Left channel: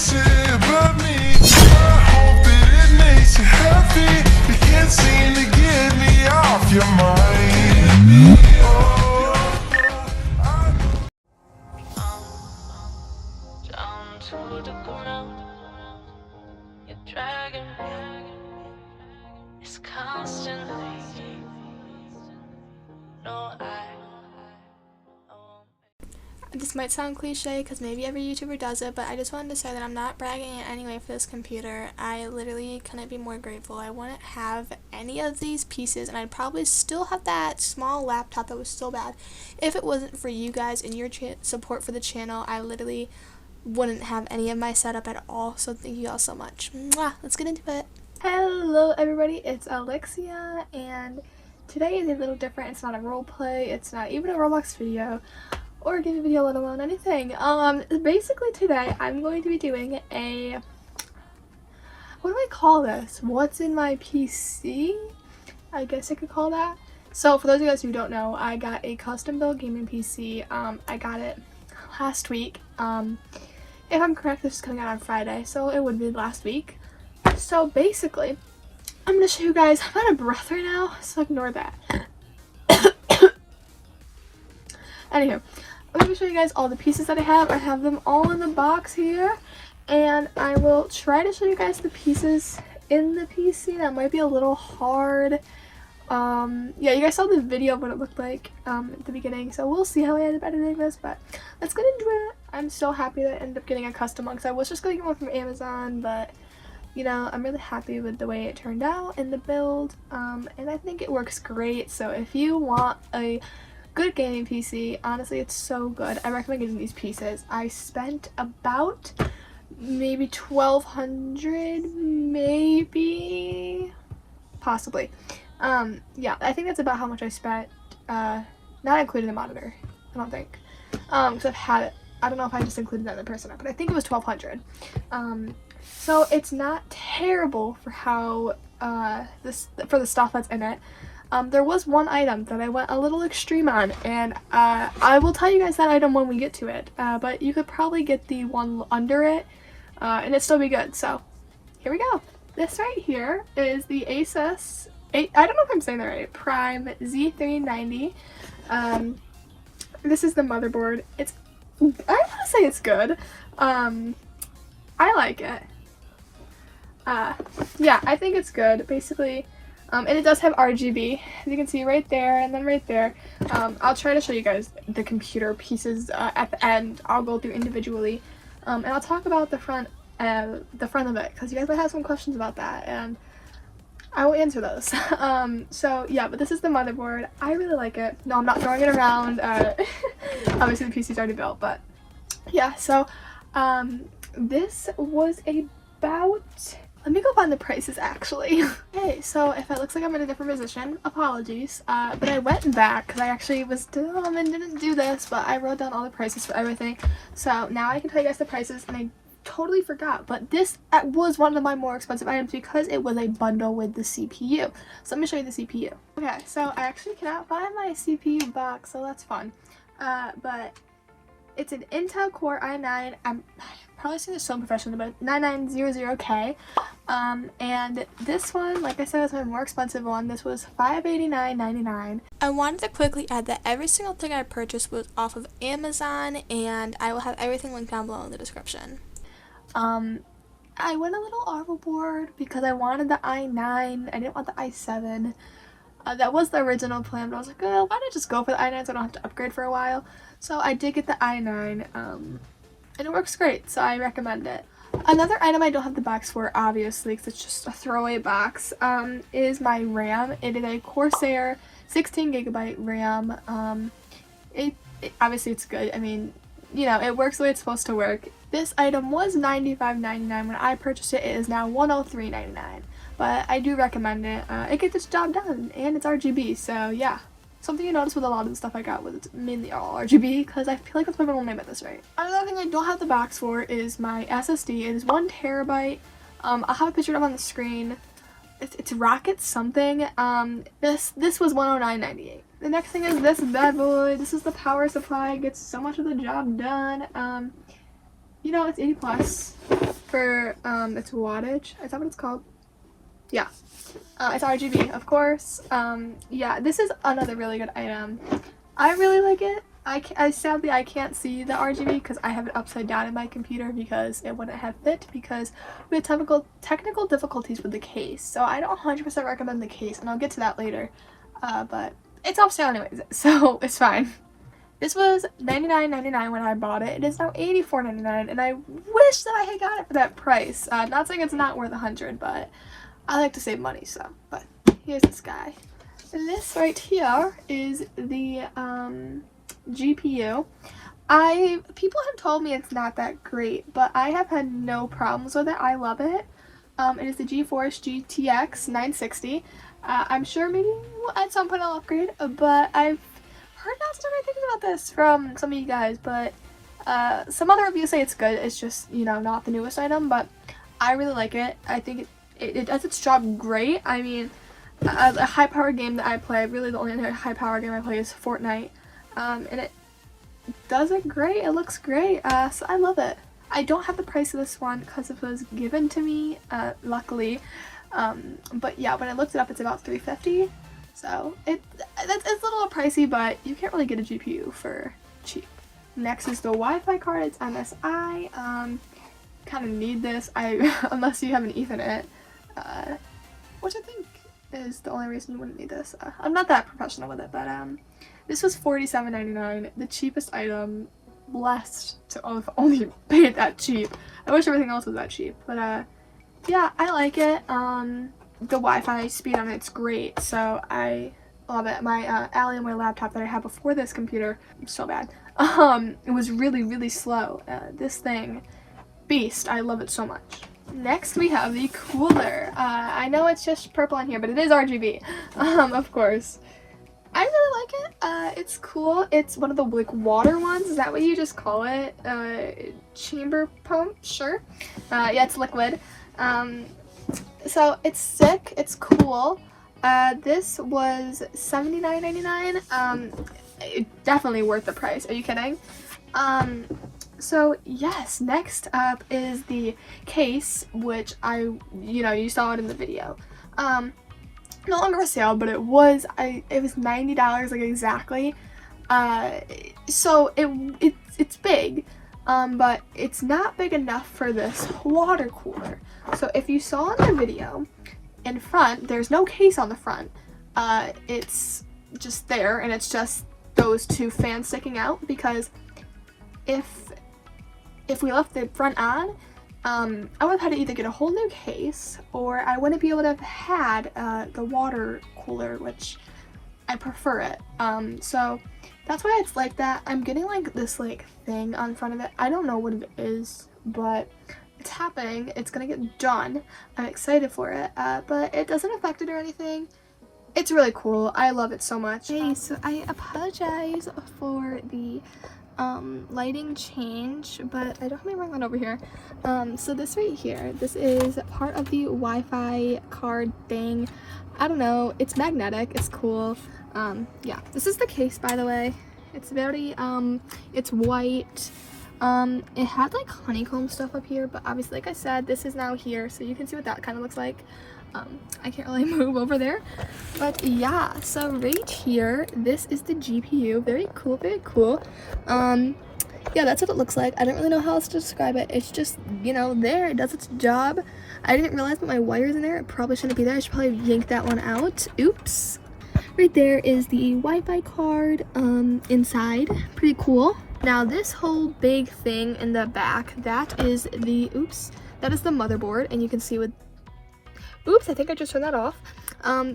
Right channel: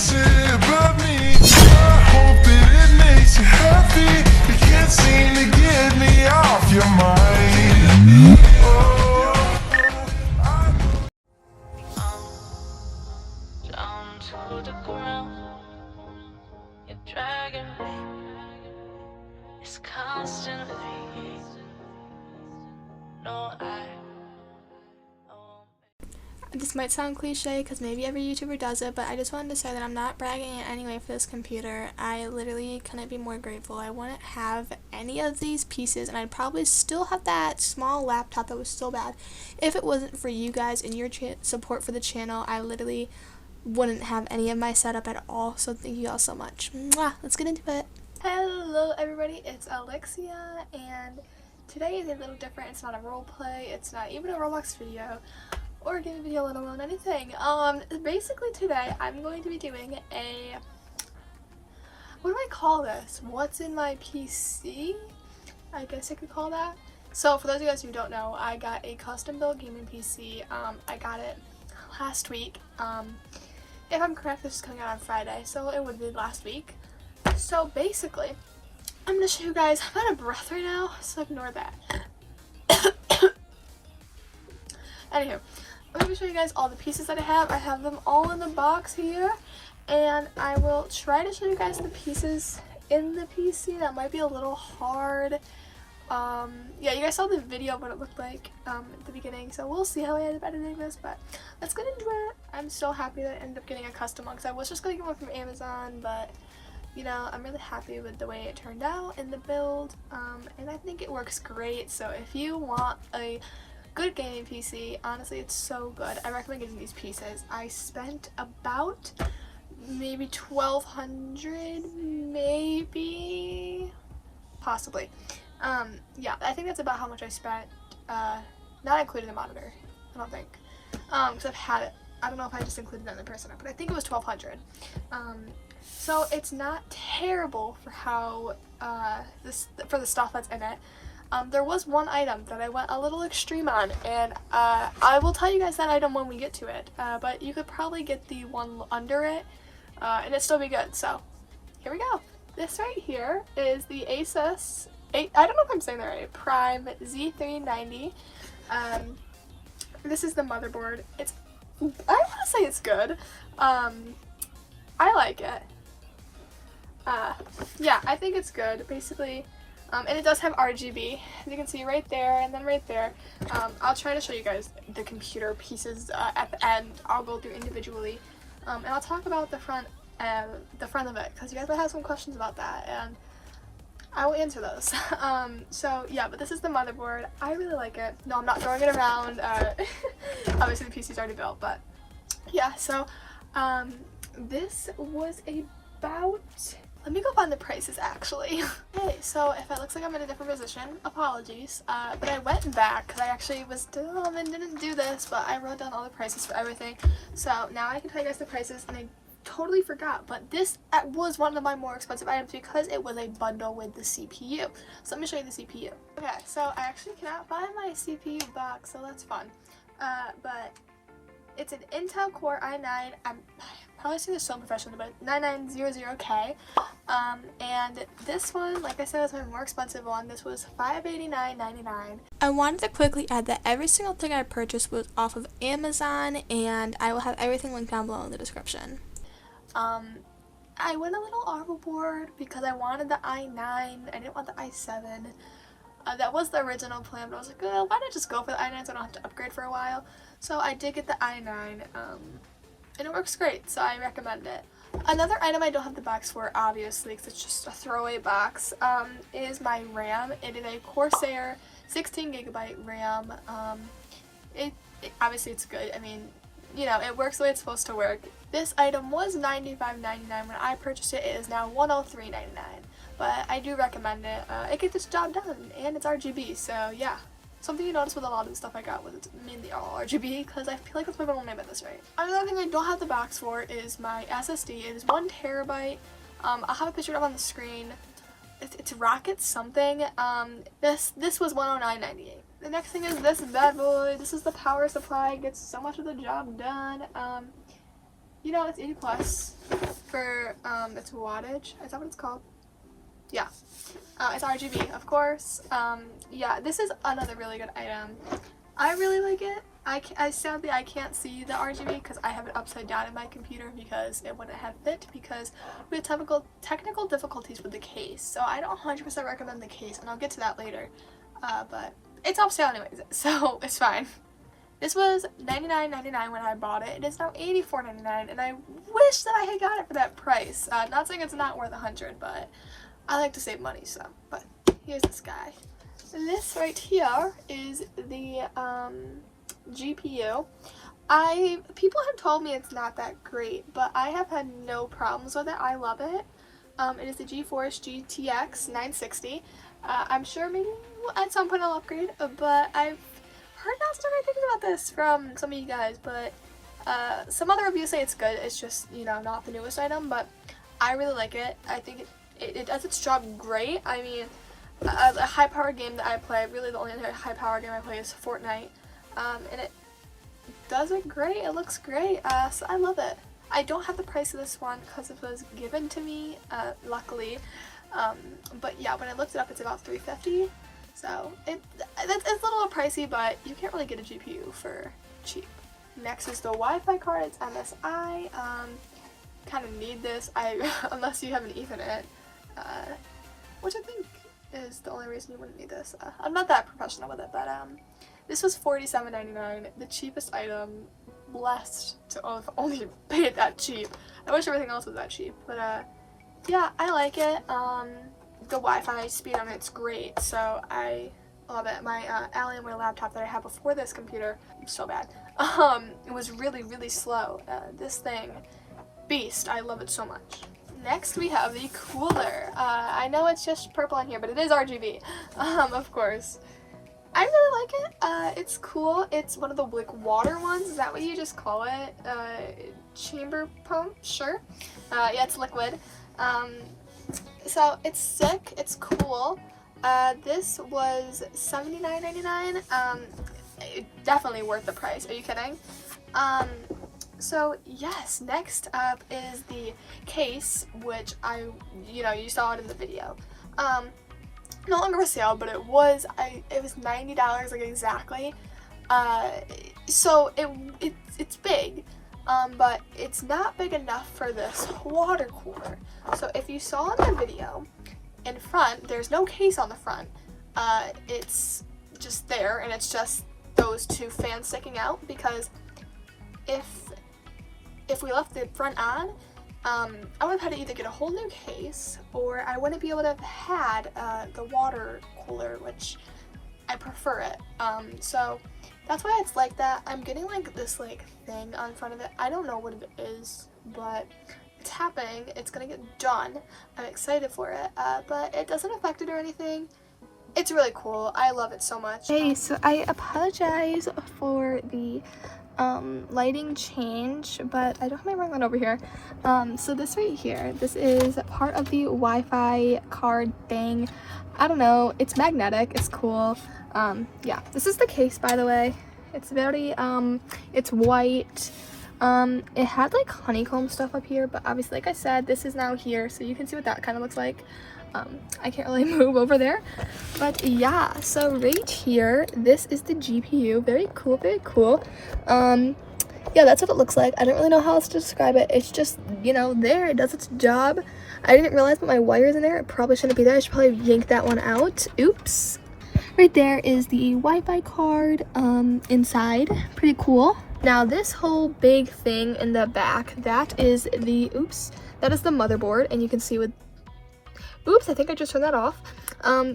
sip of me. I hope that it makes you happy. You can't seem to get me off your mind. Oh, down to the ground. You're dragging me. It's constantly. No, This might sound cliche because maybe every YouTuber does it, but I just wanted to say that I'm not bragging in any way for this computer. I literally couldn't be more grateful. I wouldn't have any of these pieces, and I'd probably still have that small laptop that was so bad. If it wasn't for you guys and your support for the channel, I literally wouldn't have any of my setup at all, so thank you all so much. Mwah! Let's get into it. Hello everybody, it's Alexia, and today is a little different. It's not a role play, it's not even a Roblox video, or a gaming video, let alone anything. Basically today I'm going to be doing a, what do I call this? What's in my PC? I guess I could call that. So for those of you guys who don't know, I got a custom built gaming PC. I got it last week. If I'm correct, this is coming out on Friday, so it would be last week. So basically, I'm going to show you guys, I'm out of breath right now, so ignore that. Anywho, I'm going to show you guys all the pieces that I have. I have them all in the box here, and I will try to show you guys the pieces in the PC. That might be a little hard. Yeah, you guys saw the video of what it looked like at the beginning, so we'll see how I end up editing this, but let's get into it. I'm so happy that I ended up getting a custom one, because I was just going to get one from Amazon, but you know, I'm really happy with the way it turned out in the build, and I think it works great. So if you want a good gaming PC, honestly, it's so good. I recommend getting these pieces. I spent about maybe $1,200, maybe, possibly. Yeah, I think that's about how much I spent, not including the monitor, I don't think, because I've had it. I don't know if I just included that in the person, but I think it was $1,200. So it's not terrible for how, for the stuff that's in it. There was one item that I went a little extreme on, and I will tell you guys that item when we get to it, but you could probably get the one under it, and it'd still be good. So here we go. This right here is the Asus, I don't know if I'm saying that right, Prime Z390. This is the motherboard. It's, I want to say it's good. I like it. Yeah, I think it's good, basically. And it does have RGB, as you can see right there and then right there. I'll try to show you guys the computer pieces at the end. I'll go through individually, and I'll talk about the front of it, because you guys might have some questions about that, and I will answer those. So yeah, but this is the motherboard. I really like it. No, I'm not throwing it around. Obviously the PC's already built, but yeah. So this was about, let me go find the prices actually. Hey, so if it looks like I'm in a different position, apologies. But I went back because I actually was dumb and didn't do this, but I wrote down all the prices for everything. So now I can tell you guys the prices, and I totally forgot, but this was one of my more expensive items because it was a bundle with the CPU. So let me show you the CPU. Okay, so I actually cannot find my CPU box, so that's fun. But it's an Intel Core i9. I'm probably saying this so professional, but 9900K. And this one, like I said, is my more expensive one. This was $589.99. I wanted to quickly add that every single thing I purchased was off of Amazon, and I will have everything linked down below in the description. I went a little overboard because I wanted the i9. I didn't want the i7. That was the original plan, but I was like, oh, why not just go for the i9 so I don't have to upgrade for a while? So I did get the i9, and it works great, so I recommend it. Another item I don't have the box for, obviously, because it's just a throwaway box, is my RAM. It is a Corsair 16GB RAM. Obviously it's good. I mean, you know, it works the way it's supposed to work. This item was $95.99 when I purchased it. It is now $103.99, but I do recommend it. It gets its job done, and it's RGB, so yeah. Something you notice with a lot of the stuff I got was it's mainly all RGB, because I feel like that's my middle name at this rate. Another thing I don't have the box for is my SSD. It is 1 terabyte. I'll have a picture of it on the screen. It's Rocket something. This was $109.98. The next thing is this bad boy. This is the power supply. It gets so much of the job done. you know, it's 80 plus for its wattage. Is that what it's called? Yeah. It's RGB, of course. Yeah, this is another really good item. I really like it. Sadly I can't see the RGB because I have it upside down in my computer because it wouldn't have fit because we had technical difficulties with the case. So I don't 100% recommend the case, and I'll get to that later. But it's off sale anyways, so it's fine. This was $99.99 when I bought it. It is now $84.99, and I wish that I had got it for that price. Not saying it's not worth $100, but I like to save money, so. But here's this guy. This right here is the GPU. People have told me it's not that great, but I have had no problems with it. I love it. It is the GeForce GTX 960. I'm sure maybe at some point I'll upgrade, but I've heard not so many things about this from some of you guys, but some other reviews say it's good. It's just, you know, not the newest item, but I really like it. I think it does its job great. I mean, a high power game that I play, really the only other high power game I play is Fortnite, and it does it great. It looks great, so I love it. I don't have the price of this one because it was given to me, luckily, but yeah, when I looked it up, it's about $350, so it's a little pricey, but you can't really get a GPU for cheap. Next is the Wi-Fi card. It's MSI. Kind of need this, unless you have an Ethernet, which I think is the only reason you wouldn't need this. I'm not that professional with it, but this was $47.99, the cheapest item. Blessed to have only paid that cheap. I wish everything else was that cheap, but yeah, I like it. The Wi-Fi speed on it's great, so I love it. My Alienware laptop that I had before this computer, so bad, it was really slow. This thing, beast. I love it so much. Next we have the cooler. I know it's just purple on here, but it is RGB, of course. I really like it. It's cool. It's one of the like water ones. Is that what you just call it? Chamber pump? Sure. Yeah, it's liquid. So it's sick. It's cool. This was $79.99. Definitely worth the price. Are you kidding? So yes, next up is the case, which you saw it in the video. No longer for sale, but it was $90 like exactly. So it's big, but it's not big enough for this water cooler. So if you saw in the video, in front there's no case on the front. It's just there, and it's just those two fans sticking out, because if we left the front on, I would have had to either get a whole new case, or I wouldn't be able to have had the water cooler, which I prefer it. So that's why it's like that. I'm getting like this like thing on front of it. I don't know what it is, but it's happening. It's gonna get done. I'm excited for it, but it doesn't affect it or anything. It's really cool. I love it so much. Hey, so I apologize for the lighting change, but I don't have my ring light over here. So this right here, this is part of the Wi-Fi card thing. I don't know, it's magnetic, it's cool. Yeah, this is the case, by the way. It's very it's white. It had like honeycomb stuff up here, but obviously, like I said, this is now here, so you can see what that kind of looks like. I can't really move over there, but yeah, so right here, this is the GPU. Very cool, very cool. Yeah, that's what it looks like. I don't really know how else to describe it. It's just, there, it does its job. I didn't realize that my wire's in there. It probably shouldn't be there. I should probably yank that one out. Oops. Right there is the Wi-Fi card inside. Pretty cool. Now this whole big thing in the back, that is the motherboard, and you can see with oops, I think I just turned that off.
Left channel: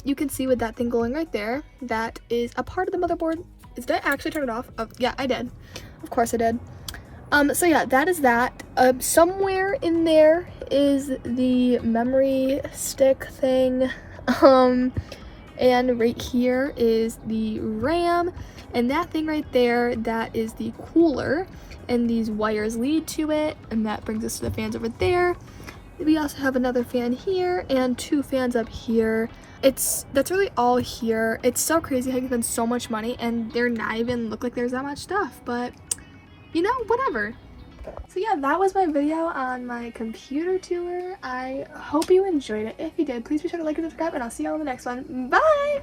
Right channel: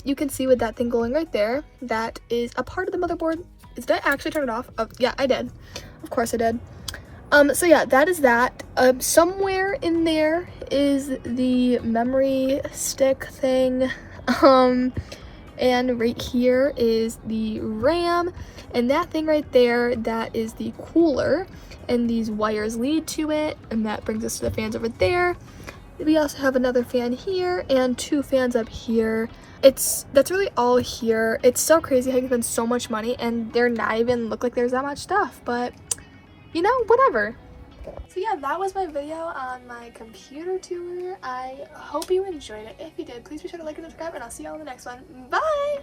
You can see with that thing going right there, that is a part of the motherboard. Did I actually turn it off? Oh, yeah, I did. Of course I did. So yeah, that is that. Somewhere in there is the memory stick thing. And right here is the RAM. And that thing right there, that is the cooler. And these wires lead to it. And that brings us to the fans over there. We also have another fan here and two fans up here. That's really all here. It's so crazy how you spend so much money and they're not even look like there's that much stuff, but whatever. So yeah, that was my video on my computer tour. I hope you enjoyed it. If you did, please be sure to like and subscribe, and I'll see you all in the next one. Bye!